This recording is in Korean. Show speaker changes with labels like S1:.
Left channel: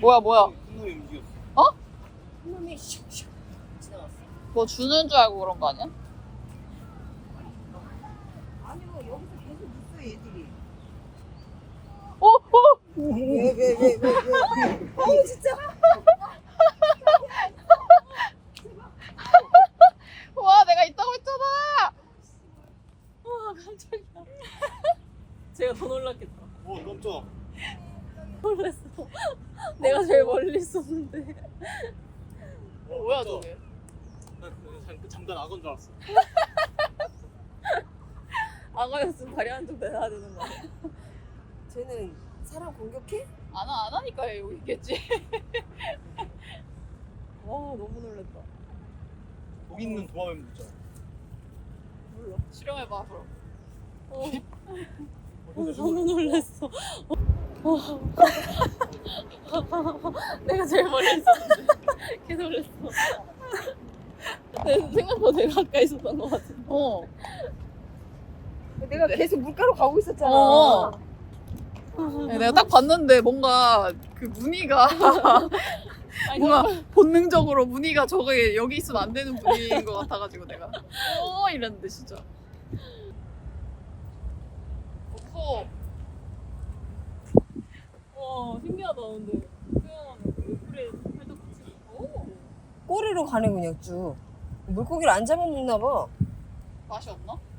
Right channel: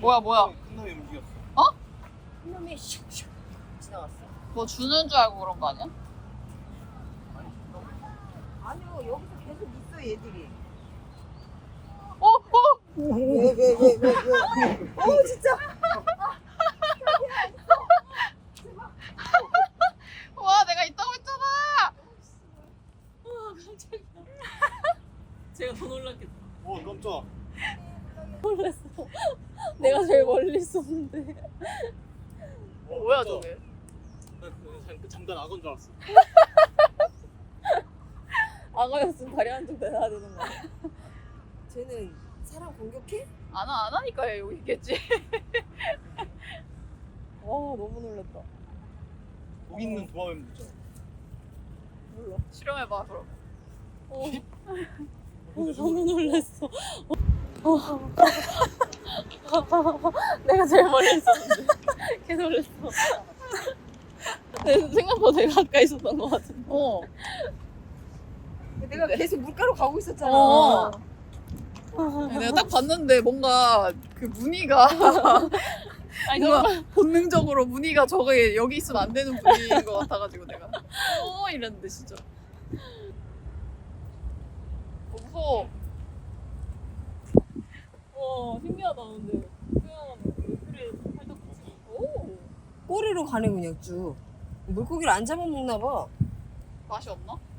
S1: 뭐야?
S2: 큰 놈이 움직였어.
S1: 어?
S3: 한 놈이 슉슉 지나갔어.
S1: 뭐 주는 줄 알고 그런 거 아니야?
S3: 아니요, 여기서 계속 있어 얘들이.
S1: 오!
S3: 왜? 진짜.
S1: 와, 내가 있다고 했잖아! 와, 깜짝이야. 제가 더 놀랐겠다.
S2: 깜짝.
S1: 놀랐어. 내가 제일 멀리 있었는데. 뭐야, 저게?
S2: 잠깐 악어인 줄 알았어.
S1: 악어였으면 다리 한쪽 내놔야 되는 거야.
S3: 쟤는 사람 공격해?
S1: 안 하니까 여기 있겠지. 와, 너무 놀랐다.
S2: 독 있는 도마뱀 있잖아.
S1: 몰라. 실험해봐, 그럼. 너무 놀랐어. 내가 제일 멀리 있었는데. 개 놀랐어. 생각보다 되게 가까이 있었던 것 같은데.
S3: 내가 계속 물가로 가고 있었잖아.
S1: 내가 딱 봤는데 뭔가 그 무늬가 뭔가 본능적으로 무늬가 저게 여기 있으면 안 되는 무늬인 것 같아가지고 내가 이랬는데 진짜 무서워. 와 신기하다. 근데 물에 살짝
S3: 꼬리로 가네 그냥 쭉. 물고기를 안 잡아먹나 봐.
S1: 맛이 없나?